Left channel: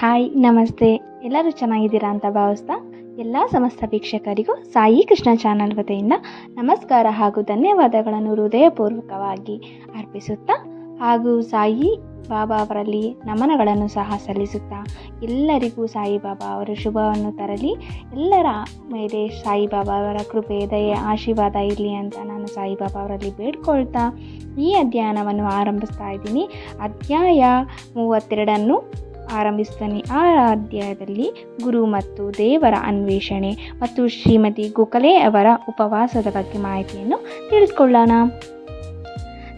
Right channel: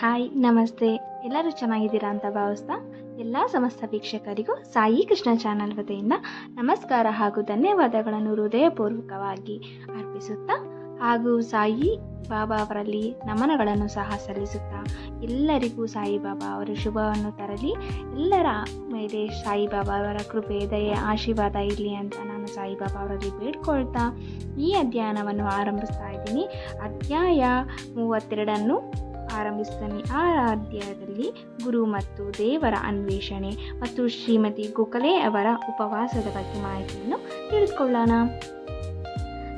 Hi, ನಮಸ್ತೆ. ಎಲ್ಲರೂ ಚೆನ್ನಾಗಿದ್ದೀರಾ ಅಂತ ಭಾವಿಸ್ತಾ ಎಲ್ಲ ಸಮಸ್ತ ವೀಕ್ಷಕರಿಗೂ ಸಾಯಿ ಕೃಷ್ಣ ಚಾನಲ್ ವತಿಯಿಂದ ನಮಸ್ಕಾರ ಹಾಗೂ ಧನ್ಯವಾದಗಳನ್ನು ಹೃದಯಪೂರ್ವಕವಾಗಿ ಅರ್ಪಿಸುತ್ತಾ ಹಾಗೂ ಸಾಯಿ ಬಾಬಾ ಅವರಲ್ಲಿ ನಮನಗಳನ್ನು ಸಹ ಸಲ್ಲಿಸುತ್ತಾ ಎಲ್ಲರಿಗೂ ಸಾಯಿಬಾಬಾ ಅವರ ಶುಭವನ್ನು ತರಲಿ. ಎಲ್ಲರ ಮೇಲೆ ಸಾಯಿಬಾಬಾ ಅವರ ಕೃಪೆ, ದಯೆ, ಆಶೀರ್ವಾದ ಇರಲಿ ಅಂತ ನಾನು ಸಾಯಿಬಾಬಾ ಅವರಲ್ಲಿ ಬೇಡ್ಕೊಳ್ತಾ ಈ ಅಧ್ಯಯನವನ್ನು ಆರಂಭಿಸ್ತಾ ಇದ್ದೀನಿ. ಅಧ್ಯಾಯ ಮೂವತ್ತೆರಡನ್ನು ಆರಂಭಿಸ್ತಾನೆ ಆ ಅಧ್ಯಾಯದಲ್ಲಿ ಗುರು ಮತ್ತು ದೇವರ ಅನ್ವೇಷಣೆ ಮತ್ತು ಶ್ರೀಮತಿ ಗೋಖಲೆ ಅವರ ಉಪವಾಸದ ಬಗ್ಗೆ ಮಾಹಿತಿಯನ್ನು ತಿಳಿಸ್ಕೊಳ್ಳೋಣ.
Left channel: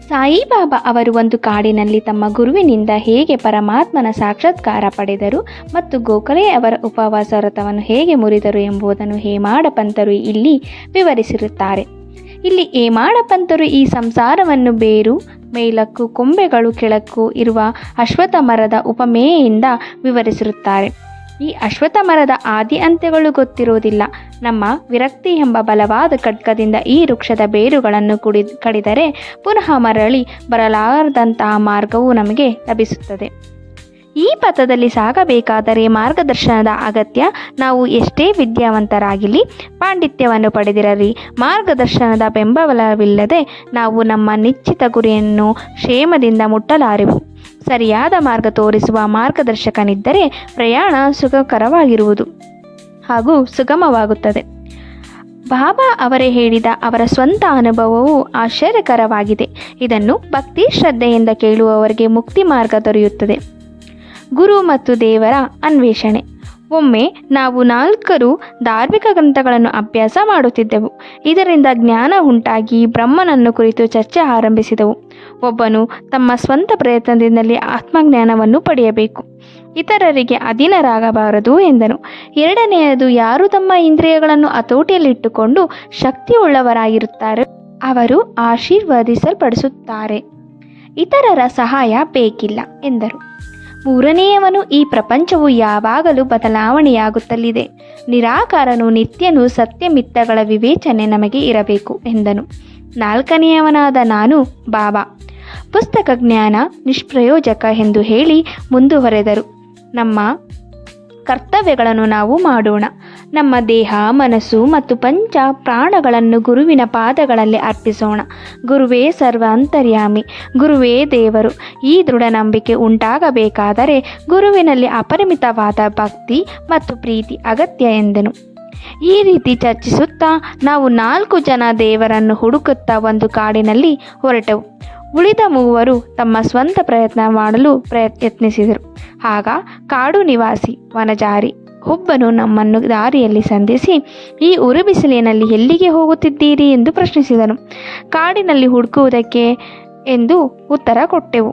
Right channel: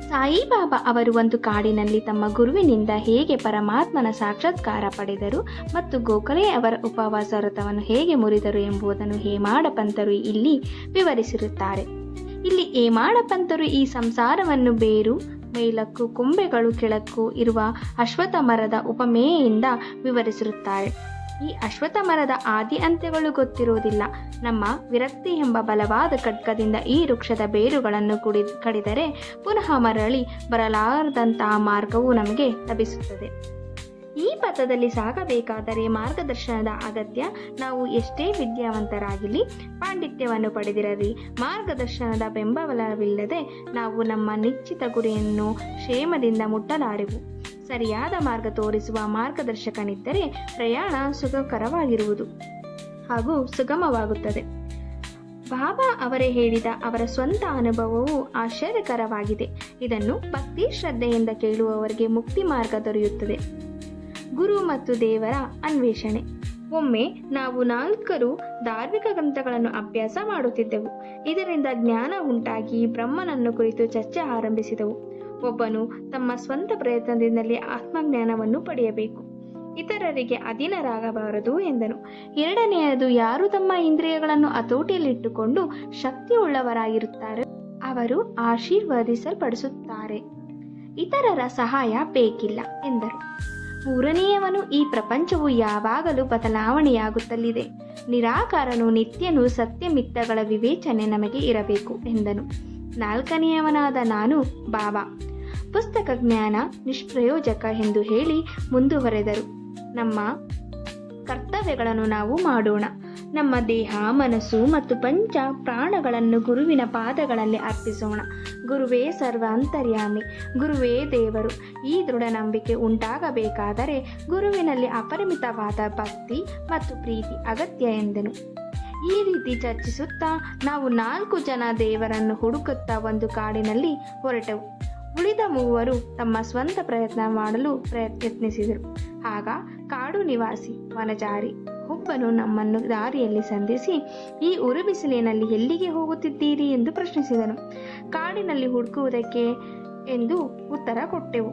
ಸಾಯಿಬಾಬಾ ಅವರು ಒಂದು ಕಾಡಿನಲ್ಲಿ ತಮ್ಮ ಗುರುವಿನಿಂದ ಹೇಗೆ ಪರಮಾತ್ಮನ ಸಾಕ್ಷಾತ್ಕಾರ ಪಡೆದರು ಮತ್ತು ಗೋಖಲೆ ಅವರ ಉಪವಾಸ ವ್ರತವನ್ನು ಹೇಗೆ ಮುರಿದರು ಎಂಬುದನ್ನು ಹೇಮಾಡ ಪಂತರು ಇಲ್ಲಿ ವಿವರಿಸಿರುತ್ತಾರೆ. ಇಲ್ಲಿ ಹೇಮಾಡ ಪಂತರು ಈ ಸಂಸಾರವನ್ನು ಬೇರು ಮೇಲಕ್ಕೂ ಕೊಂಬೆಗಳು ಕೆಳಕ್ಕೂ ಇರುವ ಅಶ್ವಥ ಮರದ ಉಪಮೇಯಿಂದ ವಿವರಿಸಿರುತ್ತಾರೆ. ಈ ಅಶ್ವಥ ಮರದ ಆದಿ ಅಂತ್ಯಗಳು ಗೊತ್ತಿರುವುದಿಲ್ಲ. ನಮ್ಮ ವಿರಕ್ತಿ ಎಂಬ ಬಲವಾದ ಖಡ್ಗದಿಂದ ಈ ವೃಕ್ಷದ ಬೇರುಗಳನ್ನು ಕುಡಿ, ಕಡಿದರೆ ಪುನಃ ಮರಳಿ ಬರಲಾರದಂತಹ ಮಾರ್ಗವು ನಮಗೆ ಲಭಿಸುತ್ತದೆ. ಈ ಪಥದಲ್ಲಿ ಸಾಗಬೇಕಾದರೆ ಮಾರ್ಗದರ್ಶನದ ಅಗತ್ಯ. ನಾವು ಎಷ್ಟೇ ವಿದ್ಯಾವಂತರಾಗಿಲಿ ಪಾಂಡಿತ್ಯವನ್ನು ಪಡೆದಿರಲಿ, ಮಾರ್ಗದರ್ಶನದ ಬೆಂಬಲವಿಲ್ಲದೆ ನಾವು ನಮ್ಮ ನಿಶ್ಚಿತ ಗುರಿಯನ್ನು ಕ್ಷೇಮದಿಂದ ಮುಟ್ಟಲಾರೆವು. ಸರಿಯಾದ ಮಾರ್ಗ ತೋರಿಸುವ ಮಾರ್ಗದರ್ಶಕನಿದ್ದರೆ ಪ್ರಯಾಣ ಸುಖಕರವಾಗಿರುವುದು ಹಾಗೂ ಸುಗಮವಾಗುತ್ತದೆ. ಬಾಬಾ ಅವರೇ ಹೇಳಿದ ಅವರ ಸ್ವಂತ ಅನುಭವವು ಆಶ್ಚರ್ಯಕರವಾಗಿದೆ. ಇದನ್ನು ಭಕ್ತಿ ಶ್ರದ್ಧೆಯಿಂದ ಕೇಳುವವರಿಗೆ ಮುಕ್ತಿ ಮಾರ್ಗ ದೊರೆಯುತ್ತದೆ. ಗುರು ಮತ್ತು ದೇವರ ಅನ್ವೇಷಣೆ. ಒಮ್ಮೆ ನಾವು ನಾಲ್ಕರು ಧಾರ್ಮಿಕ ಗ್ರಂಥಗಳನ್ನು ಅಭ್ಯಾಸ ಮಾಡುತ್ತಿದ್ದೆವು. ಇದರಿಂದ ಜ್ಞಾನ ಉಂಟಾಗಿ ಬ್ರಹ್ಮನನ್ನು ಕುರಿತು ಚರ್ಚೆ ಆರಂಭಿಸಿದವು. ಒಬ್ಬನು ತಮ್ಮ ಸ್ವಂತ ಪ್ರಯತ್ನದಿಂದಲೇ ಆತ್ಮಜ್ಞಾನವನ್ನು ಪಡೆಯಬೇಕು. ಇತರರಿಗೆ ಅಧೀನರಾಗಬಾರದು ಎಂದನು. ಎರಡನೆಯದು, ಯಾರು ತಮ್ಮ ಇಂದ್ರಿಯಗಳನ್ನು ಹತೋಟಿಯಲ್ಲಿಟ್ಟುಕೊಂಡು ಶಕ್ತಿಯುಳ್ಳವರಾಗಿರುತ್ತಾರೆ, ಅವರು ಆಶೀರ್ವದಿಸಲ್ಪಡಿಸುತ್ತಾರೆ. ಇತರರ ಸಹಾಯ ಬೇಕಿಲ್ಲ ಎಂದರು. ಮೂರನೆಯವನು ಈ ಪ್ರಪಂಚವು ಯಾವಾಗಲೂ ಬದಲಾವಣೆಯಾಗುತ್ತಲಿದೆ. ನಿರಾಕಾರನು ನಿತ್ಯನು ಸತ್ಯಮಿತ್ತಗಳ ವಿವೇಚನೆ ನಮಗೆ ಇರಬೇಕು, ಎಂದನು. ನಾಲ್ಕನೆಯವನಾದ ನಾನು ಬಾಬಾ. ಪುಸ್ತಕ ಜ್ಞಾನ ನಿಷ್ಪ್ರಯೋಜಕ ಎಂದು ಹೇಳಿ ಮುಂದುವರೆದರು. ನಮ್ಮ ಕರ್ತವ್ಯಗಳನ್ನು ನಾವು ಮಾಡೋಣ. ನಮ್ಮ ದೇಹ, ಮನಸ್ಸು ಮತ್ತು ಪಂಚ ಪ್ರಾಣಗಳನ್ನು ಗುರುವಿನ ಪಾದಗಳಲ್ಲಿ ಅರ್ಪಿಸೋಣ. ಗುರುವೇ ಸರ್ವ ಅಂತರ್ಯಾಮಿ, ಗುರುವೇ ದೇವರು. ಈ ದೃಢ ನಂಬಿಕೆ ಉಂಟಾಗಬೇಕಾದರೆ ಗುರುವಿನಲ್ಲಿ ಅಪರಿಮಿತವಾದ ಭಕ್ತಿ ಮತ್ತು ಪ್ರೀತಿ ಅಗತ್ಯ ಎಂದನು. ಈ ರೀತಿ ಚರ್ಚಿಸುತ್ತಾ ನಾವು ನಾಲ್ಕು ಜನ ದೇವರನ್ನು ಹುಡುಕುತ್ತಾ ಒಂದು ಕಾಡಿನಲ್ಲಿ ಹೊರಟೆವು. ಉಳಿದ ಮೂವರು ತಮ್ಮ ಸ್ವಂತ ಪ್ರಯತ್ನ ಮಾಡಲು ಪ್ರಯತ್ನಿಸಿದರು. ಆಗ ಕಾಡು ನಿವಾಸಿ, ವನಜಾರಿ ಒಬ್ಬನು ನಮ್ಮನ್ನು ದಾರಿಯಲ್ಲಿ ಸಂಧಿಸಿ, ಈ ಉರುಬಿಸಿಲಿನಲ್ಲಿ ಎಲ್ಲಿಗೆ ಹೋಗುತ್ತಿದ್ದೀರಿ? ಎಂದು ಪ್ರಶ್ನಿಸಿದನು. ಕಾಡಿನಲ್ಲಿ ಹುಡುಕುವುದಕ್ಕೆ ಎಂದು ಉತ್ತರ ಕೊಟ್ಟೆವು.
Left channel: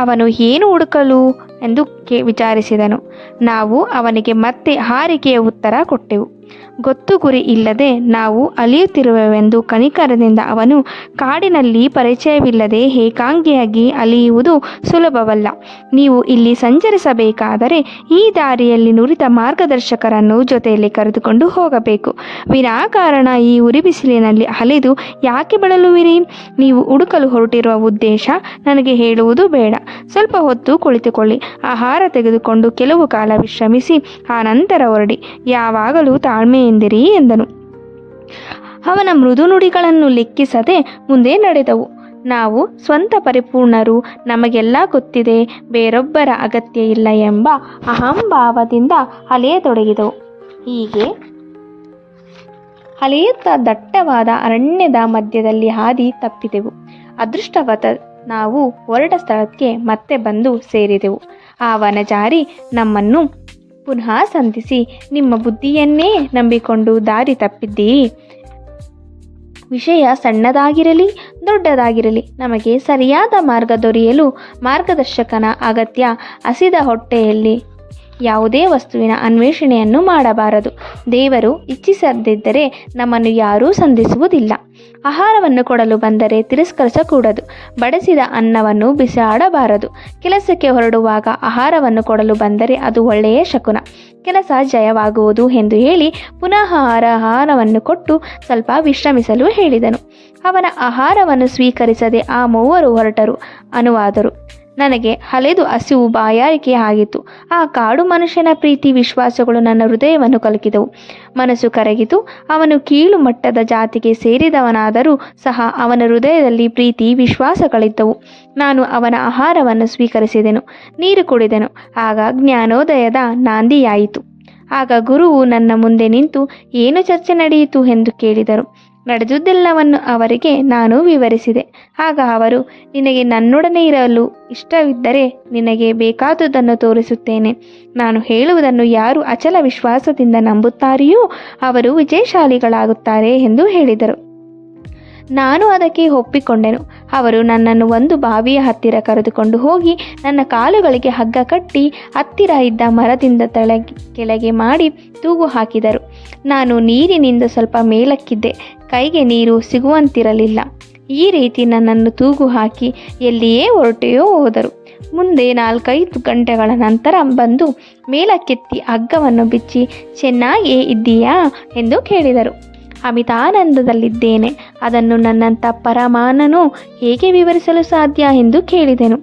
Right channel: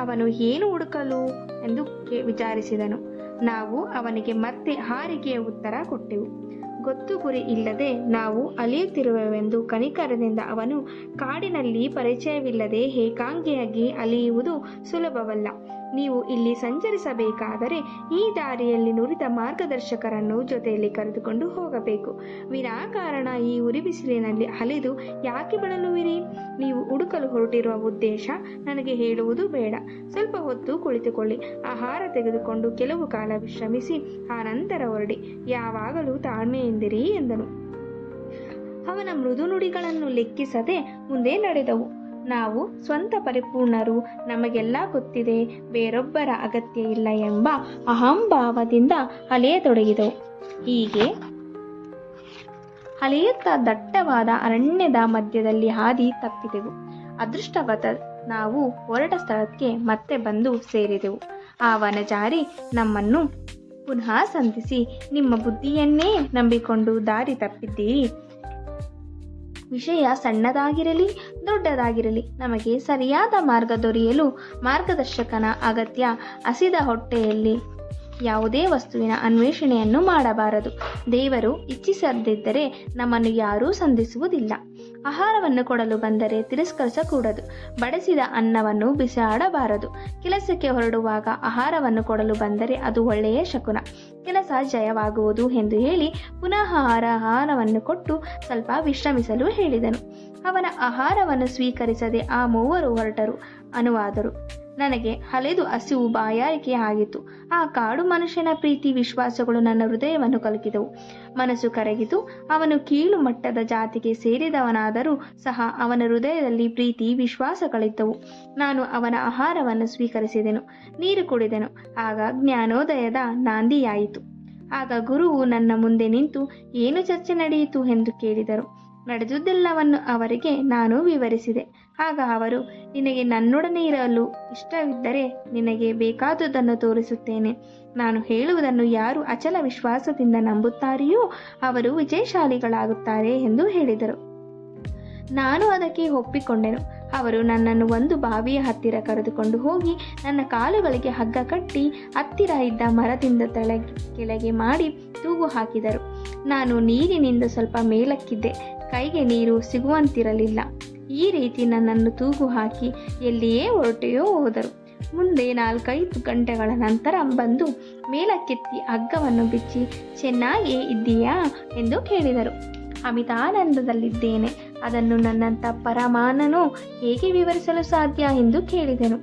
ಅವನು ಏನು ಹುಡುಕಲು? ಎಂದು ವಿಚಾರಿಸಿದನು. ನಾವು ಅವನಿಗೆ ಮತ್ತೆ ಹಾರಿಕೆಯ ಉತ್ತರ ಕೊಟ್ಟೆವು. ಗೊತ್ತು ಗುರಿ ಇಲ್ಲದೆ ನಾವು ಅಲಿಯುತ್ತಿರುವೆವೆಂದು ಕನಿಕರದಿಂದ ಅವನು ಕಾಡಿನಲ್ಲಿ ಪರಿಚಯವಿಲ್ಲದೆ ಏಕಾಂಗಿಯಾಗಿ ಅಲಿಯುವುದು ಸುಲಭವಲ್ಲ. ನೀವು ಇಲ್ಲಿ ಸಂಚರಿಸಬೇಕಾದರೆ ಈ ದಾರಿಯಲ್ಲಿ ನುರಿತ ಮಾರ್ಗದರ್ಶಕರನ್ನು ಜೊತೆಯಲ್ಲಿ ಕರೆದುಕೊಂಡು ಹೋಗಬೇಕು. ವಿನಾಕಾರಣ ಈ ಉರಿ ಬಿಸಿಲಿನಲ್ಲಿ ಅಲೆದು ಯಾಕೆ ಬಳಲುವಿರಿ? ನೀವು ಹುಡುಕಲು ಹೊರಟಿರುವ ಉದ್ದೇಶ ನನಗೆ ಹೇಳುವುದು ಬೇಡ. ಸ್ವಲ್ಪ ಹೊತ್ತು ಕುಳಿತುಕೊಳ್ಳಿ. ಆಹಾರ ತೆಗೆದುಕೊಂಡು ಕೆಲವು ಕಾಲ ವಿಶ್ರಮಿಸಿ, ಆ ನಂತರ ಹೊರಡಿ. ಯಾವಾಗಲೂ ತಾಳ್ಮೆಯಿಂದಿರಿ ಎಂದನು. ಅವನ ಮೃದು ನುಡಿಗಳನ್ನು ಲೆಕ್ಕಿಸದೆ ಮುಂದೆ ನಡೆದವು. ನಾವು ಸ್ವಂತ ಪರಿಪೂರ್ಣರು, ನಮಗೆಲ್ಲ ಗೊತ್ತಿದೆ, ಬೇರೊಬ್ಬರ ಅಗತ್ಯ ಇಲ್ಲ ಎಂಬ ಅಹಂಭಾವದಿಂದ ಅಲೆಯತೊಡಗಿದವು. ಹೀಗೆ ಅಲೆಯುತ್ತಾ ದಟ್ಟವಾದ ಅರಣ್ಯದ ಮಧ್ಯದಲ್ಲಿ ಹಾದಿ ತಪ್ಪಿದೆವು. ಅದೃಷ್ಟವತ ನಾವು ಹೊರಟ ಸ್ಥಳಕ್ಕೆ ಮತ್ತೆ ಬಂದು ಸೇರಿದೆವು. ಆ ವನಜಾರಿ ನಮ್ಮನ್ನು ಪುನಃ ಸಂಧಿಸಿ. ನಿಮ್ಮ ಬುದ್ಧಿಯನ್ನೇ ನಂಬಿಕೊಂಡು ದಾರಿ ತಪ್ಪಿದ್ದೀ. ವಿಷಯ ಸಣ್ಣದಾಗಿರಲಿ, ದೊಡ್ಡದಾಗಿರಲಿ, ನಮಗೆ ಸರಿಯಾದ ಮಾರ್ಗ ದೊರೆಯಲು ಮಾರ್ಗದರ್ಶಕನ ಅಗತ್ಯ. ಹಸಿದ ಹೊಟ್ಟೆಯಲ್ಲಿ ಯಾವುದೇ ವಸ್ತುವಿನ ಅನ್ವೇಷಣೆಯನ್ನು ಮಾಡಬಾರದು. ದೇವರು ಇಚ್ಛಿಸದಿದ್ದರೆ ನಮ್ಮನ್ನು ಯಾರೂ ಸಂಧಿಸುವುದಿಲ್ಲ. ಆಹಾರವನ್ನು ಕೊಡಲು ಬಂದರೆ ತಿರಸ್ಕರಿಸಕೂಡದು. ಬಡಿಸಿದ ಅನ್ನವನ್ನು ಬಿಸಾಡಬಾರದು. ಕೆಲಸಕ್ಕೆ ಹೊರಡುವಾಗ ಆಹಾರವನ್ನು ಕೊಡಲು ಬಂದರೆ ಅದು ಒಳ್ಳೆಯ ಶಕುನ. ಕೆಲಸ ಜಯವಾಗುವುದು ಎಂದು ಹೇಳಿ ಪುನಃ ಆಹಾರವನ್ನು ಕೊಟ್ಟು ಸ್ವಲ್ಪ ವಿಶ್ರಮಿಸಲು ಹೇಳಿದನು. ಅವನ ಆಹಾರವನ್ನು ಸ್ವೀಕರಿಸದೆ ಆ ಮೂವರು ಹೊರಟರು. ಅನುವಾದರು. ನನಗೆ ಹಲೆದು ಹಸಿವು ಬಾಯಾರಿಕೆ ಆಗಿತ್ತು. ಆ ಕಾಡು ಮನುಷ್ಯನ ಪ್ರೀತಿ ವಿಶ್ವಾಸಗಳು ನನ್ನ ಹೃದಯವನ್ನು ಕಲಕಿದವು. ಮನಸ್ಸು ಕರಗಿತು. ಅವನು ಕೀಳು ಮಟ್ಟದ ಜಾತಿಗೆ ಸೇರಿದವನಾದರೂ ಸಹ ಅವನ ಹೃದಯದಲ್ಲಿ ಪ್ರೀತಿ ವಿಶ್ವಾಸಗಳಿದ್ದವು ನಾನು ಅವನ ಆಹಾರವನ್ನು ಸ್ವೀಕರಿಸಿದೆನು, ನೀರು ಕುಡಿದೆನು. ಆಗ ಜ್ಞಾನೋದಯದ ನಾಂದಿಯಾಯಿತು. ಆಗ ಗುರುವು ನನ್ನ ಮುಂದೆ ನಿಂತು, ಏನು ಚರ್ಚೆ ನಡೆಯಿತು ಎಂದು ಕೇಳಿದರು. ನಡೆದುದೆಲ್ಲವನ್ನು ಅವರಿಗೆ ನಾನು ವಿವರಿಸಿದೆ. ಆಗ ಅವರು, ನಿನಗೆ ನನ್ನೊಡನೆ ಇರಲು ಇಷ್ಟವಿದ್ದರೆ ನಿನಗೆ ಬೇಕಾದುದನ್ನು ತೋರಿಸುತ್ತೇನೆ. ನಾನು ಹೇಳುವುದನ್ನು ಯಾರು ಅಚಲ ವಿಶ್ವಾಸದಿಂದ ನಂಬುತ್ತಾರೆಯೋ ಅವರು ವಿಜಯಶಾಲಿಗಳಾಗುತ್ತಾರೆ ಎಂದು ಹೇಳಿದರು. ನಾನು ಅದಕ್ಕೆ ಒಪ್ಪಿಕೊಂಡೆನು. ಅವರು ನನ್ನನ್ನು ಒಂದು ಬಾವಿಯ ಹತ್ತಿರ ಕರೆದುಕೊಂಡು ಹೋಗಿ ನನ್ನ ಕಾಲುಗಳಿಗೆ ಹಗ್ಗ ಕಟ್ಟಿ ಹತ್ತಿರ ಇದ್ದ ಮರದಿಂದ ತಳ ಕೆಳಗೆ ಮಾಡಿ ತೂಗು ಹಾಕಿದರು. ನಾನು ನೀರಿನಿಂದ ಸ್ವಲ್ಪ ಮೇಲಕ್ಕಿದ್ದೆ. ಕೈಗೆ ನೀರು ಸಿಗುವಂತಿರಲಿಲ್ಲ. ಈ ರೀತಿ ನನ್ನನ್ನು ತೂಗು ಹಾಕಿ ಎಲ್ಲಿಯೇ ಹೊರಟೆಯೋ ಹೋದರು. ಮುಂದೆ ನಾಲ್ಕೈದು ಗಂಟೆಗಳ ನಂತರ ಬಂದು ಮೇಲಕ್ಕೆತ್ತಿ ಹಗ್ಗವನ್ನು ಬಿಚ್ಚಿ, ಚೆನ್ನಾಗೇ ಇದ್ದೀಯಾ? ಎಂದು ಕೇಳಿದರು. ಅಮಿತಾನಂದದಲ್ಲಿದ್ದೇನೆ. ಅದನ್ನು ನನ್ನಂಥ ಪರಮಾನನು ಹೇಗೆ ವಿವರಿಸಲು ಸಾಧ್ಯ? ಎಂದು ಕೇಳಿದೆನು.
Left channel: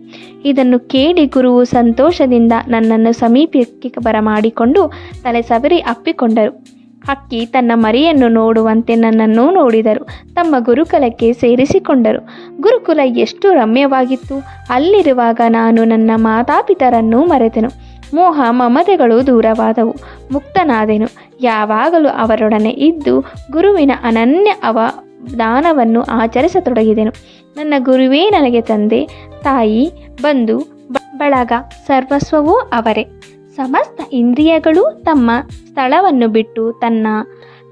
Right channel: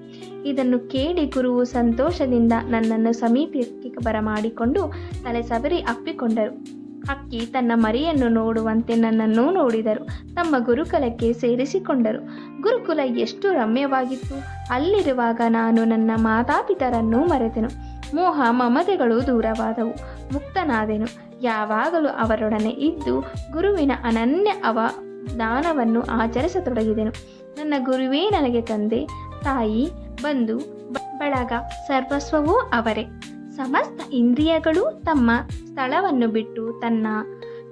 ಇದನ್ನು ಕೇಳಿ ಗುರುವು ಸಂತೋಷದಿಂದ ನನ್ನನ್ನು ಸಮೀಪಕ್ಕೆ ಬರಮಾಡಿಕೊಂಡು ತಲೆ ಸವರಿ ಅಪ್ಪಿಕೊಂಡರು. ಹಕ್ಕಿ ತನ್ನ ಮರಿಯನ್ನು ನೋಡುವಂತೆ ನನ್ನನ್ನು ನೋಡಿದರು. ತಮ್ಮ ಗುರುಕುಲಕ್ಕೆ ಸೇರಿಸಿಕೊಂಡರು. ಗುರುಕುಲ ಎಷ್ಟು ರಮ್ಯವಾಗಿತ್ತು. ಅಲ್ಲಿರುವಾಗ ನಾನು ನನ್ನ ಮಾತಾಪಿತರನ್ನು ಮರೆತೆನು. ಮೋಹ ಮಮತೆಗಳು ದೂರವಾದವು. ಮುಕ್ತನಾದೆನು. ಯಾವಾಗಲೂ ಅವರೊಡನೆ ಇದ್ದು ಗುರುವಿನ ಅನನ್ಯ ಅವ ದಾನವನ್ನು ಆಚರಿಸತೊಡಗಿದೆನು. ನನ್ನ ಗುರುವೇ ನನಗೆ ತಂದೆ. ತಾಯಿ, ಬಂಧು ಬಳಗ, ಸರ್ವಸ್ವವೂ ಅವರೇ. ಸಮಸ್ತ ಇಂದ್ರಿಯಗಳು ತಮ್ಮ ಸ್ಥಳವನ್ನು ಬಿಟ್ಟು ತನ್ನ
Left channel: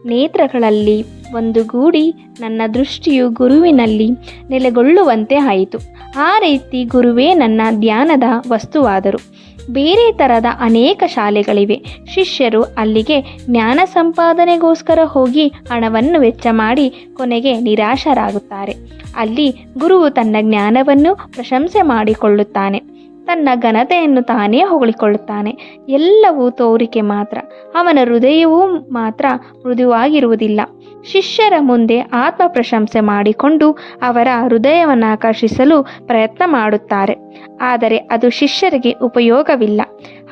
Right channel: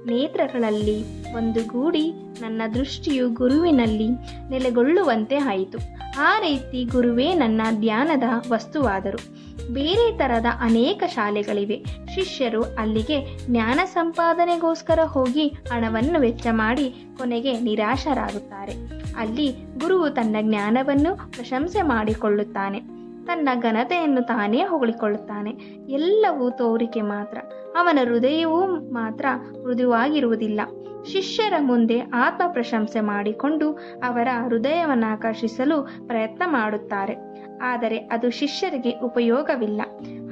ನೇತ್ರಗಳಲ್ಲಿ ಒಂದುಗೂಡಿ ನನ್ನ ದೃಷ್ಟಿಯು ಗುರುವಿನಲ್ಲಿ ನೆಲೆಗೊಳ್ಳುವಂತೆ ಆಯಿತು. ಆ ರೀತಿ ಗುರುವೇ ನನ್ನ ಧ್ಯಾನದ ವಸ್ತುವಾದರು. ಬೇರೆ ಥರದ ಅನೇಕ ಶಾಲೆಗಳಿವೆ. ಶಿಷ್ಯರು ಅಲ್ಲಿಗೆ ಜ್ಞಾನ ಸಂಪಾದನೆಗೋಸ್ಕರ ಹೋಗಿ ಹಣವನ್ನು ವೆಚ್ಚ ಮಾಡಿ ಕೊನೆಗೆ ನಿರಾಶರಾಗುತ್ತಾರೆ. ಅಲ್ಲಿ ಗುರುವು ತನ್ನ ಜ್ಞಾನವನ್ನು ಪ್ರಶಂಸೆ ಮಾಡಿಕೊಳ್ಳುತ್ತಾನೆ. ತನ್ನ ಘನತೆಯನ್ನು ತಾನೇ ಹೊಗಳಿಕೊಳ್ಳುತ್ತಾನೆ. ಎಲ್ಲವೂ ತೋರಿಕೆ ಮಾತ್ರ. ಅವನ ಹೃದಯವೂ ಮಾತ್ರ ಮೃದುವಾಗಿರುವುದಿಲ್ಲ. ಶಿಷ್ಯರ ಮುಂದೆ ಆತ್ಮ ಪ್ರಶಂಸೆ ಮಾಡಿಕೊಂಡು ಅವರ ಹೃದಯವನ್ನು ಆಕರ್ಷಿಸಲು ಪ್ರಯತ್ನ ಮಾಡುತ್ತಾರೆ. ಆದರೆ ಅದು ಶಿಷ್ಯರಿಗೆ ಉಪಯೋಗವಿಲ್ಲ.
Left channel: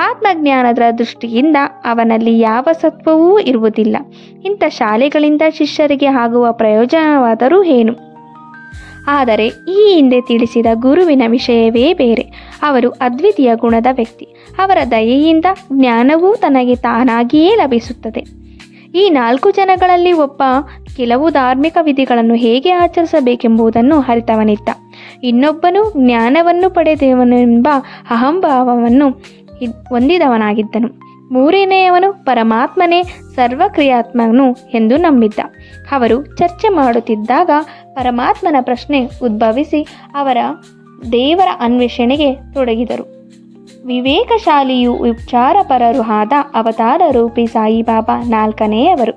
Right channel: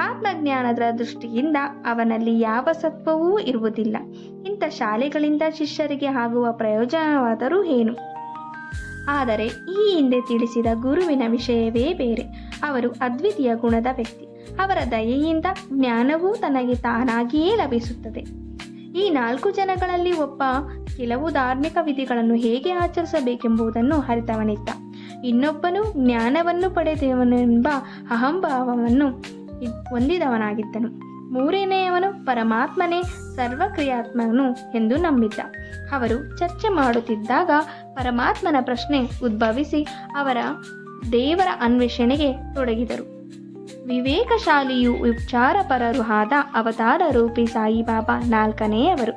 ಆತ್ಮಜ್ಞಾನದ ದೃಷ್ಟಿಯಿಂದ ಅವನಲ್ಲಿ ಯಾವ ಸತ್ವವೂ ಇರುವುದಿಲ್ಲ. ಇಂಥ ಶಾಲೆಗಳಿಂದ ಶಿಷ್ಯರಿಗೆ ಆಗುವ ಪ್ರಯೋಜನವಾದರೂ ಏನು? ಆದರೆ ಈ ಹಿಂದೆ ತಿಳಿಸಿದ ಗುರುವಿನ ವಿಷಯವೇ ಬೇರೆ. ಅವರು ಅದ್ವಿತೀಯ ಗುಣದ ವ್ಯಕ್ತಿ. ಅವರ ದಯೆಯಿಂದ ಜ್ಞಾನವೂ ತನಗೆ ತಾನಾಗಿಯೇ ಲಭಿಸುತ್ತದೆ. ಈ ನಾಲ್ಕು ಜನಗಳಲ್ಲಿ ಒಬ್ಬ ಕೆಲವು ಧಾರ್ಮಿಕ ವಿಧಿಗಳನ್ನು ಹೇಗೆ ಆಚರಿಸಬೇಕೆಂಬುದನ್ನು ಅರಿತವನಿದ್ದ. ಇನ್ನೊಬ್ಬನು ಜ್ಞಾನವನ್ನು ಪಡೆದವನೆಂಬ ಅಹಂಭಾವವನ್ನು ಹೊಂದಿದವನಾಗಿದ್ದನು. ಮೂರನೆಯವನು ಪರಮಾತ್ಮನೇ ಸರ್ವಕ್ರಿಯಾತ್ಮನು ಎಂದು ನಂಬಿದ್ದ. ಅವರು ಚರ್ಚೆ ಮಾಡುತ್ತಿದ್ದಾಗ ಪರಮಾತ್ಮನ ಪ್ರಶ್ನೆ ಉದ್ಭವಿಸಿ ಅವರ ದೇವರ ಅನ್ವೇಷಣೆಗೆ ತೊಡಗಿದರು. ವಿವೇಕಶಾಲಿಯು ವಿಚಾರಪರರು ಆದ ಅವತಾರ ರೂಪಿ ಸಾಯಿಬಾಬಾ ನಾಲ್ಕನೆಯವರು.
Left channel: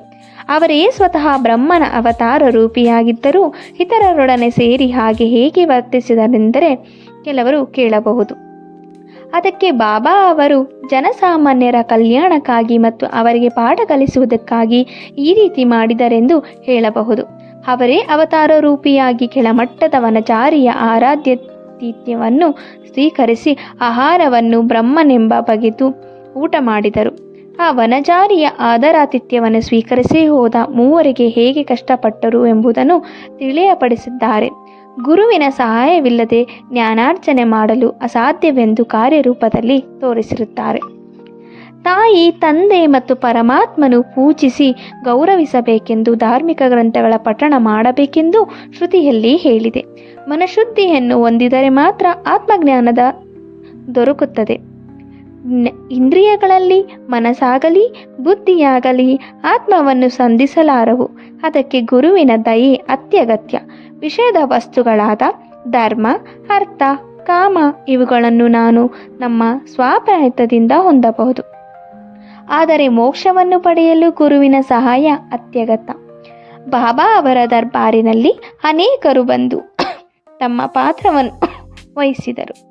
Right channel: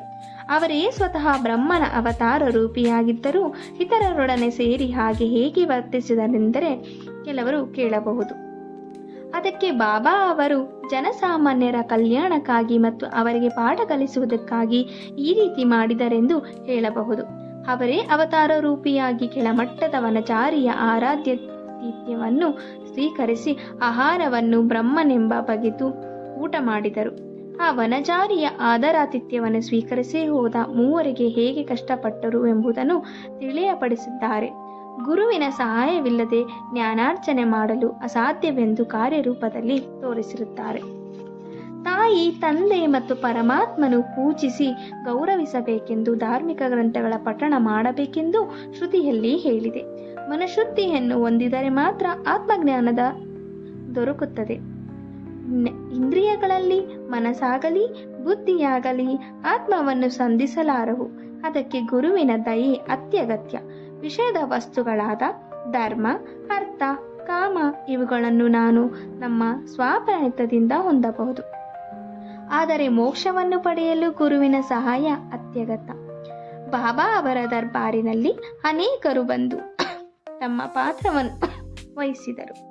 ಅವರೇ ಸ್ವತಃ ಬ್ರಹ್ಮನ ಅವತಾರ ರೂಪಿಯಾಗಿದ್ದರೂ ಇತರರೊಡನೆ ಸೇರಿ ಹಾಗೆ ಹೇಗೆ ವರ್ತಿಸಿದರೆಂದರೆ ಕೆಲವರು ಕೇಳಬಹುದು. ಅದಕ್ಕೆ ಬಾಬಾ ಅವರು ಜನಸಾಮಾನ್ಯರ ಕಲ್ಯಾಣಕ್ಕಾಗಿ ಮತ್ತು ಅವರಿಗೆ ಪಾಠ ಕಲಿಸುವುದಕ್ಕಾಗಿ ಈ ರೀತಿ ಮಾಡಿದರೆಂದು ಹೇಳಬಹುದು. ಅವರೇ ಅವತಾರ ರೂಪಿಯಾಗಿ ಕೆಳಮಟ್ಟದ ವನಚಾರಿಯ ಆರಾಧ್ಯತೀತ್ಯವನ್ನು ಸ್ವೀಕರಿಸಿ ಆಹಾರವನ್ನು ಬ್ರಹ್ಮನೆಂಬ ಬಗೆದು ಊಟ ಮಾಡಿದರು. ಆ ವನಚಾರಿಯ ಆದರಾತಿಥ್ಯವನ್ನು ಸ್ವೀಕರಿಸಿ ಹೋದ ಮೂವರಿಗೆ ಹೇಗೆ ಕಷ್ಟಪಟ್ಟರು ಎಂಬುದನ್ನು ತಿಳಿಯಪಡಿಸಿದ್ದಾರೆ. ಗುರುವಿನ ಸಹಾಯವಿಲ್ಲದೆ ಜ್ಞಾನಾರ್ಜನೆ ಮಾಡಲು ಅಸಾಧ್ಯವೆಂದು ಕಾರ್ಯರೂಪದಲ್ಲಿ ತೋರಿಸಿರುತ್ತಾರೆ. ತಾಯಿ, ತಂದೆ ಮತ್ತು ಪರಮಾತ್ಮನು ಪೂಜಿಸಿ ಗೌರವಿಸಬೇಕೆಂದು ಧಾರ್ಮಿಕ ಗ್ರಂಥಗಳ ಪಠಣ ಮಾಡಬೇಕೆಂದು ಶ್ರುತಿಯಲ್ಲಿ ಹೇಳಿದೆ. ಮನಶುದ್ಧಿಯನ್ನು ಹೊಂದಿದರೆ ಮಾತ್ರ ಆತ್ಮಜ್ಞಾನದ ದೊರಕುತ್ತದೆ. ಇಂದ್ರಿಯಗಳಲ್ಲಿ ಮನಸ್ಸಾಗಲಿ, ಬುದ್ಧಿಯಾಗಲಿ ಆತ್ಮವನ್ನು ಸಂಧಿಸಲಾರವು. ಅದಕ್ಕೆ ಗುರುವಿನ ದಯೆ ಅತ್ಯಗತ್ಯ. ವಿಷಯದ ವಸ್ತುಗಳಾದ ಧರ್ಮ, ಅರ್ಥ, ಕಾಮ ಇವುಗಳನ್ನು ನಾನು ನಮ್ಮ ಸ್ವಾಪ್ರಯತ್ನದಿಂದ ಹೊಂದಬಹುದು. ಆದರೆ ಮೋಕ್ಷವನ್ನು ಪಡೆಯಲು ಗುರುವಿನ ಸಹಾಯ ಅತ್ಯಗತ್ಯ. ಬಾಬಾ ಅವರ ದರ್ಬಾರಿನಲ್ಲಿ ಅನೇಕರು ಬಂದು ತಮ್ಮ ಪಾತ್ರವನ್ನು ವಹಿಸಿದರು.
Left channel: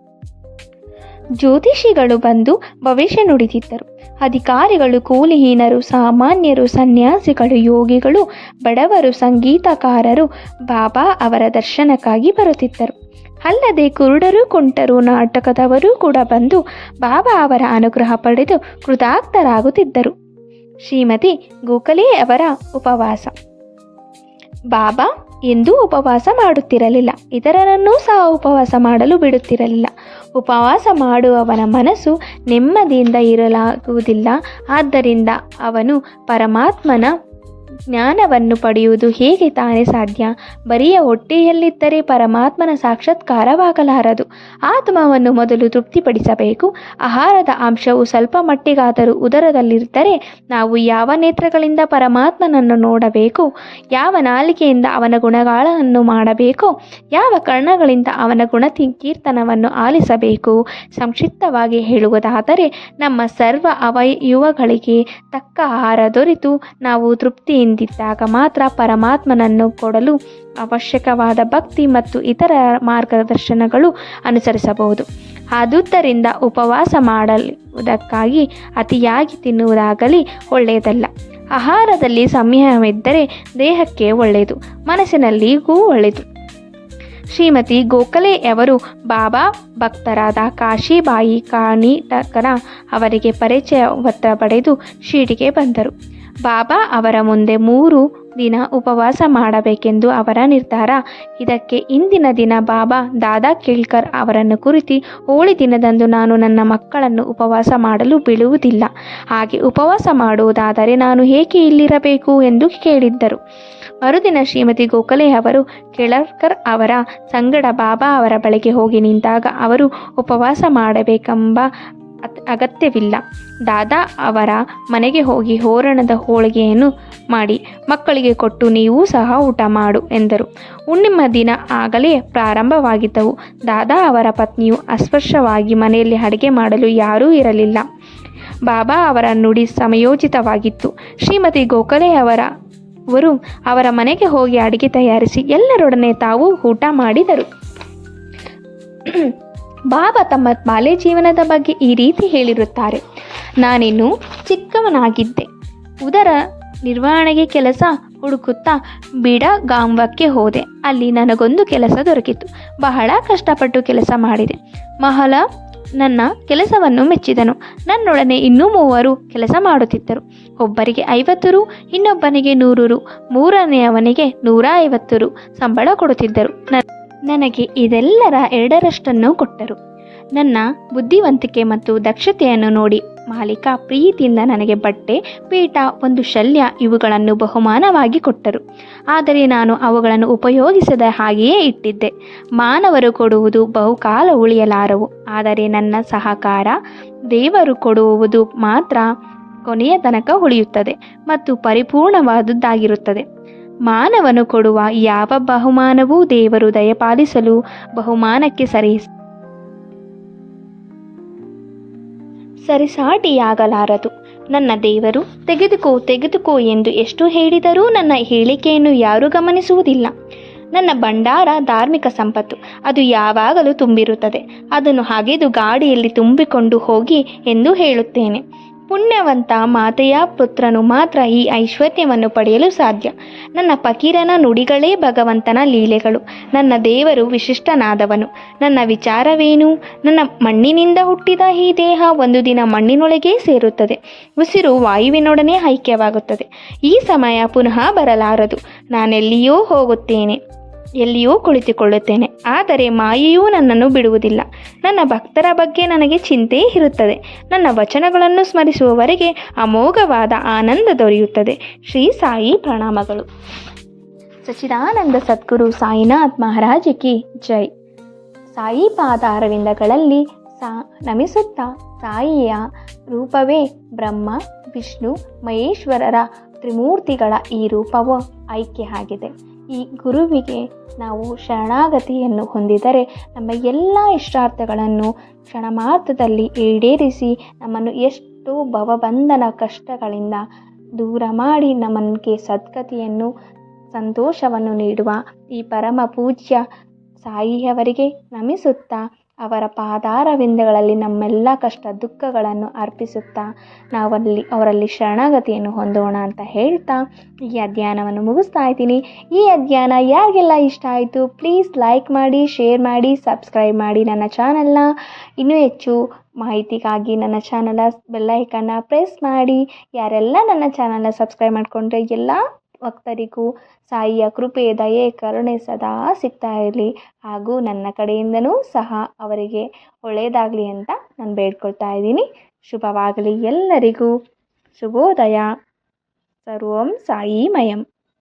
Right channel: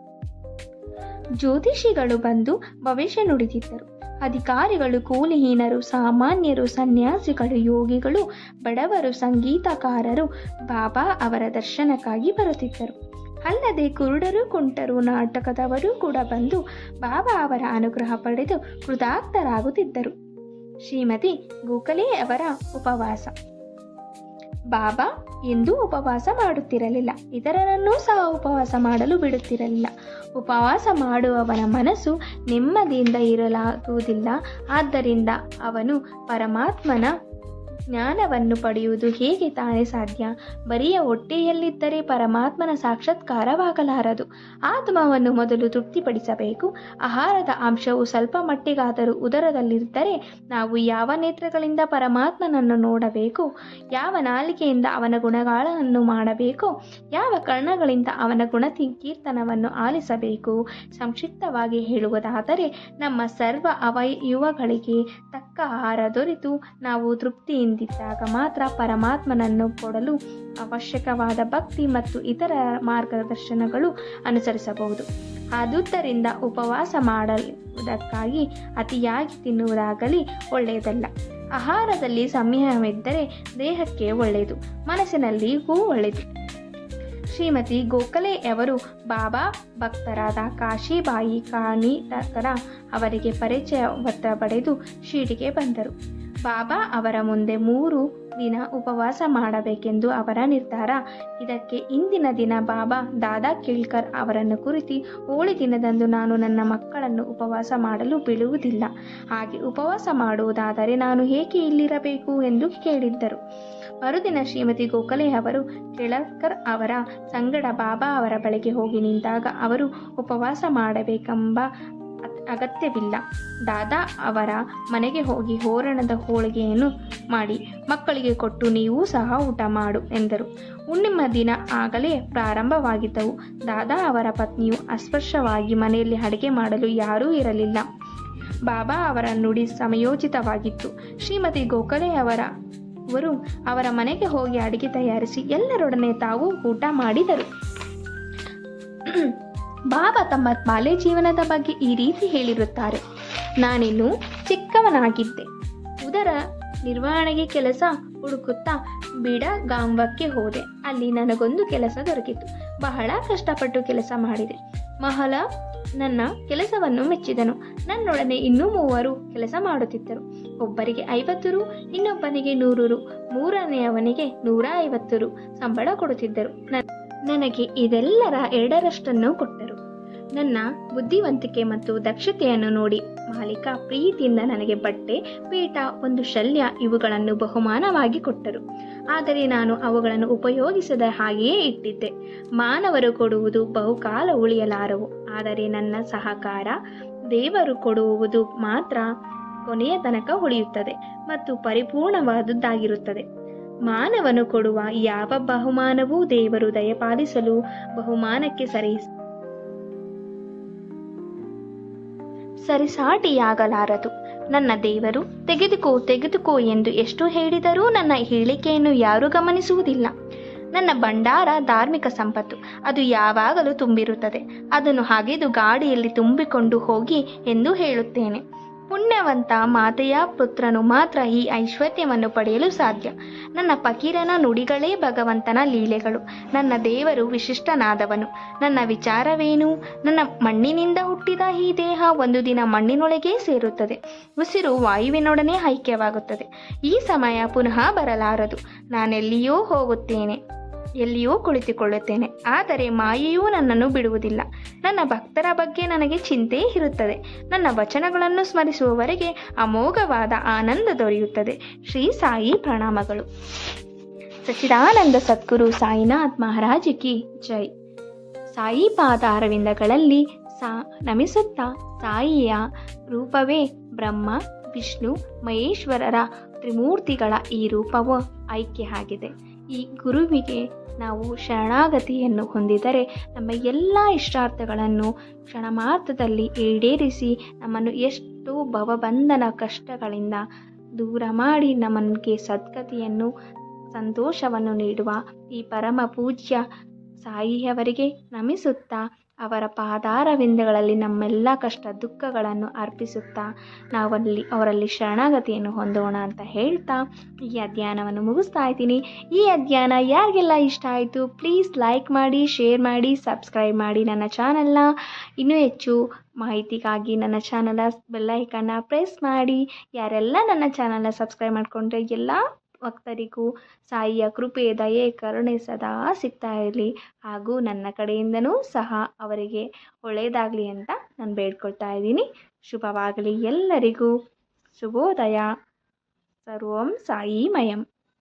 ಜ್ಯೋತಿಷಿಗಳು ಬಂದು ಭವಿಷ್ಯ ನುಡಿದಿದ್ದರು. ಅಧಿಕಾರಿಗಳು, ಕೂಲಿಹೀನರು, ಸಾಮಾನ್ಯರು, ಸನ್ಯಾಸಿಗಳು, ಯೋಗಿಗಳು, ಬಡವರು, ಸಂಗೀತಕಾರರು ಬಾಬಾ ಅವರ ದರ್ಶನಕ್ಕಾಗಿ ಬರುತ್ತಿದ್ದರು. ಅಲ್ಲದೆ ಕುರುಡರು ಕುಂಟರು ನಾಟಕದವರೂ ಕೂಡ ಬಂದು ಬಾಬಾ ಅವರ ಅನುಗ್ರಹ ಪಡೆದು ಕೃತಾರ್ಥರಾಗುತ್ತಿದ್ದರು. ಶ್ರೀಮತಿ ಗೋಖಲೆ ಅವರ ಉಪವಾಸ. ಬಾಬಾ ಎಂದೂ ಉಪವಾಸ ಮಾಡುತ್ತಿರಲಿಲ್ಲ. ಇತರರನ್ನೂ ಸಹ ಉಪವಾಸ ಮಾಡಲು ಬಿಡುತ್ತಿರಲಿಲ್ಲ. ಉಪವಾಸ ಮಾಡುವವನ ಮನಸ್ಸು ನೆಮ್ಮದಿಯಿಂದ ಇರಲಾಗುವುದಿಲ್ಲ. ಆದ್ದರಿಂದ ಅವನು ಪರಮಾತ್ಮನ ಜ್ಞಾನವನ್ನು ಪಡೆಯುವುದು ಹೇಗೆ ತಾನೇ ಸಾಧ್ಯ? ಬರಿಯ ಹೊಟ್ಟೆಯಲ್ಲಿದ್ದರೆ ಪರಮಾತ್ಮನ ಸಾಕ್ಷಾತ್ಕಾರವಾಗಲಾರದು. ಆತ್ಮವನ್ನು ಮೊದಲು ತೃಪ್ತಿಪಡಿಸಬೇಕು. ಆಹಾರದ ಅಂಶವು ಸ್ವಲ್ಪ ಮಟ್ಟಿಗಾದರೂ ಉದರದಲ್ಲಿದ್ದರೆ ನಾವು ಯಾವ ನೇತ್ರಗಳಿಂದ ಪರಮಾತ್ಮನನ್ನು ನೋಡಬೇಕು? ಯಾವ ನಾಲಿಗೆಯಿಂದ ಅವನ ಗುಣಗಾಳವನ್ನು ಮಾಡಬೇಕು? ಯಾವ ಕರ್ಣಗಳಿಂದ ಅವನ ಗುಣತಿ ಕೀರ್ತನವನ್ನು ಆಲಿಸಬೇಕು? ಸಂಕ್ಷಿಪ್ತವಾಗಿ ಹೇಳುವುದಾದರೆ, ನಮ್ಮ ಸರ್ವ ಅವಯುವಗಳಿಗೆ ತಕ್ಕ ಆಹಾರ ದೊರೆತು ನಾವು ತೃಪ್ತಿಯಿಂದಿದ್ದಾಗ ಮಾತ್ರ ಪರಮಾತ್ಮನನ್ನು ಕೊಡಲು ಅವಶ್ಯಕವಾದ ಭಕ್ತಿ ಮತ್ತು ಇತರ ಮಾರ್ಗದರ್ಶನಗಳು ಅನುಸರಿಸಬಹುದು. ಆದುದರಿಂದ ಉಪವಾಸ ಮಾಡುವುದಕ್ಕಾಗಿ ಅತಿಯಾಗಿ ತಿನ್ನುವುದಾಗಲಿ ಒಳ್ಳೆಯದಲ್ಲ. ಆಹಾರದಲ್ಲಿ ಸಂಯಮವಿದ್ದರೆ ದೇಹಕ್ಕೆ ಒಳ್ಳೆಯದು ಮನಸ್ಸಿನಲ್ಲಿಗೂ ಒಳ್ಳೆಯದು. ಶ್ರೀಮತಿ ಗೋಖಲೆಯವರು ಬಾಬಾ ಭಕ್ತರಾದ ಕಾಶಿಬಾಯಿ ಕಾಣಿಟಕರ ಅವರಿಗೆ ಪರಿಚಯ ಒತ್ತ ಪಡೆದು ಶಿರ್ಡಿಗೆ ಬಂದರು. ಬಾಬಾ ಅವರ ಮುಂದೆ ಮೂರು ದಿನ ಉಪವಾಸ ಮಾಡಬೇಕೆಂದು ಅವರ ನಿರ್ಧಾರ. ಇದಕ್ಕೆ ಇಂದಿನ ದಿನ ಬಾಬಾ ದಾದಾ ಕೇಳ್ಕರ್ ಅವರನ್ನು ಕುರಿತು ಹೋಳಿ ದಿನದಂದು ನಾನು ನನ್ನ ಮಕ್ಕಳನ್ನು ಉಪವಾಸ ಮಾಡಲು ಬಿಡುವುದಿಲ್ಲ ಹಾಗೆ ಉಪವಾಸ ಮಾಡುವುದಾದರೆ ನಾನು ಏಕೆ ಇಲ್ಲಿರಬೇಕು ಎಂದು ಕೇಳಿದ್ದರು. ಮರುದಿನ ಶ್ರೀಮತಿ ಗೋಖಲೆ ಅವರು ಕೆಳರ್ಕರ್ ಅವರ ಸಂಗಡ ಬಾಬಾ ಅವರ ಬಳಿಗೆ ಹೋಗಿ ನಿಂತಾಗ ಅವರು ಉಪವಾಸ ಮಾಡಬೇಕೆಂಬ ಅಗತ್ಯವಿಲ್ಲ. ದಾದಾ ಅವರ ಮನೆಗೆ ಹೋಗಿ ಹೋರಣದ ಹೋಳಿಗೆಯನ್ನು ಮಾಡಿ, ಮಕ್ಕಳಿಗೆ ಕೊಟ್ಟು ನೀವೂ ಸಹ ಊಟ ಮಾಡು ಎಂದರು. ಹುಣ್ಣಿಮ ದಿನ ಆಗಲೇ ಪ್ರಾರಂಭವಾಗಿದ್ದವು. ದಾದಾ ಅವರ ಪತ್ನಿಯು ಅಸ್ಪರ್ಶವಾಗಿ ಮನೆಯಲ್ಲಿ ಅಡುಗೆ ಮಾಡಲು ಯಾರೂ ಇರಲಿಲ್ಲ. ಬಾಬಾ ಅವರ ನುಡಿ ಸಮಯೋಚಿತವಾಗಿತ್ತು. ಶ್ರೀಮತಿ ಗೋಖಲೆ ಅವರ ಅವರು ಅವರ ಮನೆಗೆ ಹೋಗಿ ಅಡುಗೆ ತಯಾರಿಸಿ ಎಲ್ಲರೊಡನೆ ತಾವು ಊಟ ಮಾಡಿದರು. ಬಾಬಾ ತಮ್ಮ ಬಾಲ್ಯ ಜೀವನದ ಬಗ್ಗೆ ಈ ರೀತಿ ಹೇಳಿರುತ್ತಾರೆ. ನಾನಿನ್ನು ಚಿಕ್ಕವನಾಗಿದ್ದೆ. ಉದರ ನಿರ್ವಹಣೆಗೆ ಕೆಲಸ ಹುಡುಕುತ್ತಾ ಬಿಡಗಾಂವಕ್ಕೆ ಹೋದೆ. ಅಲ್ಲಿ ನನಗೊಂದು ಕೆಲಸ ದೊರಕಿತು. ಬಹಳ ಕಷ್ಟಪಟ್ಟು ಕೆಲಸ ಮಾಡಿದೆ. ಮಹಲ ನನ್ನ ಕೆಲಸವನ್ನು ಮೆಚ್ಚಿದನು. ನನ್ನೊಡನೆ ಇನ್ನೂ ಮೂವರು ಕೆಲಸ ಮಾಡುತ್ತಿದ್ದರು. ಒಬ್ಬರಿಗೆ ಐವತ್ತು ರು, ಇನ್ನೊಬ್ಬನಿಗೆ ನೂರು ರು, ಮೂರನೆಯವನಿಗೆ ನೂರ ಐವತ್ತು ರು ಸಂಬಳ ಕೊಡುತ್ತಿದ್ದರು. ನ- ನನಗೆ ಇದೆಲ್ಲರ ಎರಡರಷ್ಟನ್ನು ಕೊಟ್ಟರು. ನನ್ನ ಬುದ್ಧಿವಂತಿಕೆ ಮತ್ತು ದಕ್ಷತೆಯನ್ನು ನೋಡಿ ಮಾಲೀಕ ಪ್ರೀತಿಯಿಂದ ನನಗೆ ಬಟ್ಟೆ, ಪೀಠ, ಒಂದು ಶಲ್ಯ ಇವುಗಳನ್ನು ಬಹುಮಾನವಾಗಿ ಕೊಟ್ಟರು. ಆದರೆ ನಾನು ಅವುಗಳನ್ನು ಉಪಯೋಗಿಸದ ಹಾಗೆಯೇ ಇಟ್ಟಿದ್ದೆ. ಮಾನವರು ಕೊಡುವುದು ಬಹುಕಾಲ ಉಳಿಯಲಾರವು. ಆದರೆ ನನ್ನ ಸಹಕಾರ ದೇವರು ಕೊಡುವುದು ಮಾತ್ರ ಕೊನೆಯ ತನಕ ಉಳಿಯುತ್ತದೆ ಮತ್ತು ಪರಿಪೂರ್ಣವಾದುದಾಗಿರುತ್ತದೆ ಮಾನವನು ಕೊಡುವ ಯಾವ ಬಹುಮಾನವೂ ದೇವರು ದಯಪಾಲಿಸಲು ಬಹುಮಾನಕ್ಕೆ ಸರಿ ಸರಿಸಾಟಿಯಾಗಲಾರದು. ನನ್ನ ದೇವರು, ತೆಗೆದುಕೋ ತೆಗೆದುಕೋ ಎಂದು ಎಷ್ಟು ಹೇಳಿದರೂ ನನ್ನ ಹೇಳಿಕೆಯನ್ನು ಯಾರೂ ಗಮನಿಸುವುದಿಲ್ಲ. ನನ್ನ ಭಂಡಾರ ಧಾರ್ಮಿಕ ಸಂಪತ್ತು, ಅದು ಯಾವಾಗಲೂ ತುಂಬಿರುತ್ತದೆ. ಅದನ್ನು ಹಗೆದು ಗಾಡಿಯಲ್ಲಿ ತುಂಬಿಕೊಂಡು ಹೋಗಿ ಎಂದು ಹೇಳುತ್ತೇನೆ. ಪುಣ್ಯವಂತ ಮಾತೆಯ ಪುತ್ರನು ಮಾತ್ರ ಈ ಐಶ್ವರ್ಯವನ್ನು ಪಡೆಯಲು ಸಾಧ್ಯ. ನನ್ನ ಫಕೀರನ ನುಡಿಗಳೇ ಭಗವಂತನ ಲೀಲೆಗಳು. ನನ್ನ ದೇವರು ವಿಶಿಷ್ಟನಾದವನು. ನನ್ನ ವಿಚಾರವೇನು? ನನ್ನ ಮಣ್ಣಿನಿಂದ ಹುಟ್ಟಿದ ಈ ದೇಹ ಒಂದು ದಿನ ಮಣ್ಣಿನೊಳಗೇ ಸೇರುತ್ತದೆ. ಉಸಿರು ವಾಯುವಿನೊಡನೆ ಐಕ್ಯವಾಗುತ್ತದೆ. ಈ ಸಮಯ ಪುನಃ ಬರಲಾರದು. ನಾನೆಲ್ಲಿಯೋ ಹೋಗುತ್ತೇನೆ. ಎಲ್ಲಿಯೋ ಕುಳಿತುಕೊಳ್ಳುತ್ತೇನೆ. ಆದರೆ ಮಾಯೆಯೂ ನನ್ನನ್ನು ಬಿಡುವುದಿಲ್ಲ. ನನ್ನ ಭಕ್ತರ ಬಗ್ಗೆ ನನಗೆ ಚಿಂತೆ ಇರುತ್ತದೆ. ನನ್ನ ವಚನಗಳನ್ನು ಸ್ಮರಿಸುವವರೆಗೆ ಅಮೋಘವಾದ ಆನಂದ ದೊರೆಯುತ್ತದೆ. ಶ್ರೀ ಸಾಯಿ ಪ್ರಣಾಮಗಳು. ಸಚಿದಾನಂದ ಸದ್ಗುರು ಸಾಯಿನಾಥ್ ಮಹಾರಾಜಕ್ಕೆ ಜೈ. ಸಾಯಿ ಪಾದ ಅರವಿಂದಗಳಲ್ಲಿ ಸಾ ನಮಿಸುತ್ತಾ ಸಾಯಿಯ ರೂಪವೇ ಬ್ರಹ್ಮ, ವಿಷ್ಣು, ಮಹೇಶ್ವರರ ತ್ರಿಮೂರ್ತಿಗಳ ಈ ರೂಪವು ಐಕ್ಯ ಆಗಿದೆ. ಈ ಗುರುವಿಗೆ ನಾವು ಶರಣಾಗತಿಯನ್ನು ಹೊಂದಿದರೆ ನಮ್ಮ ಎಲ್ಲ ಇಷ್ಟಾರ್ಥಗಳನ್ನು ಕ್ಷಣ ಮಾತ್ರದಲ್ಲಿ ಈಡೇರಿಸಿ ನಮ್ಮನ್ನು ಎಷ್ಟು ಭವಬಂಧನ ಕಷ್ಟಗಳಿಂದ ದೂರ ಮಾಡಿ ನಮಗೆ ಸದ್ಗತಿಯನ್ನು, ಸಂತೋಷವನ್ನು ನೀಡುವ ಈ ಪರಮ ಪೂಜ್ಯ ಸಾಯಿಯವರಿಗೆ ನಮಿಸುತ್ತಾ ಅವರ ಪಾದಾರವಿಂದಗಳಲ್ಲಿ ನಮ್ಮೆಲ್ಲ ಕಷ್ಟ ದುಃಖಗಳನ್ನು ಅರ್ಪಿಸುತ್ತಾ ನಾವಲ್ಲಿ ಅವರಲ್ಲಿ ಶರಣಾಗತಿಯನ್ನು ಹೊಂದೋಣ ಅಂತ ಹೇಳ್ತಾ ಈ ಅಧ್ಯಯನವನ್ನು ಮುಗಿಸ್ತಾ ಇದ್ದೀನಿ. ಈ ಅಧ್ಯಯನ ಯಾರಿಗೆಲ್ಲ ಇಷ್ಟ ಆಯಿತು ಪ್ಲೀಸ್ ಲೈಕ್ ಮಾಡಿ ಶೇರ್ ಮಾಡಿ ಸಬ್ಸ್ಕ್ರೈಬ್ ಮಾಡಿ ನನ್ನ ಚಾನಲ್ನ ಇನ್ನೂ ಹೆಚ್ಚು ಮಾಹಿತಿಗಾಗಿ ನನ್ನ ಚಾನಲ ಬೆಲ್ಲೈಕನ್ನ ಪ್ರೆಸ್ ಮಾಡಿ. ಯಾರೆಲ್ಲ ನನ್ನ ಚಾನಲ್ನ ಸಬ್ಸ್ಕ್ರೈಬ್ ಮಾಡಿಕೊಂಡ್ರೆ ಎಲ್ಲ ಭಕ್ತರಿಗೂ ಸಾಯಿಯ ಕೃಪೆ, ದಯೆ, ಕರುಣೆ ಸದಾ ಸಿಗ್ತಾ ಇರಲಿ. ಹಾಗೂ ನನ್ನ ಕಡೆಯಿಂದನೂ ಸಹ ಅವರಿಗೆ ಒಳ್ಳೆಯದಾಗಲಿ ಅಂತ ನಾನು ಬೇಡ್ಕೊಳ್ತಾ ಇದ್ದೀನಿ. ಶುಭವಾಗಲಿ ಎಲ್ಲರಿಗೂ. ಶುಭೋದಯ. ಸರ್ವಂ ಸಾಯಿಮಯಂ.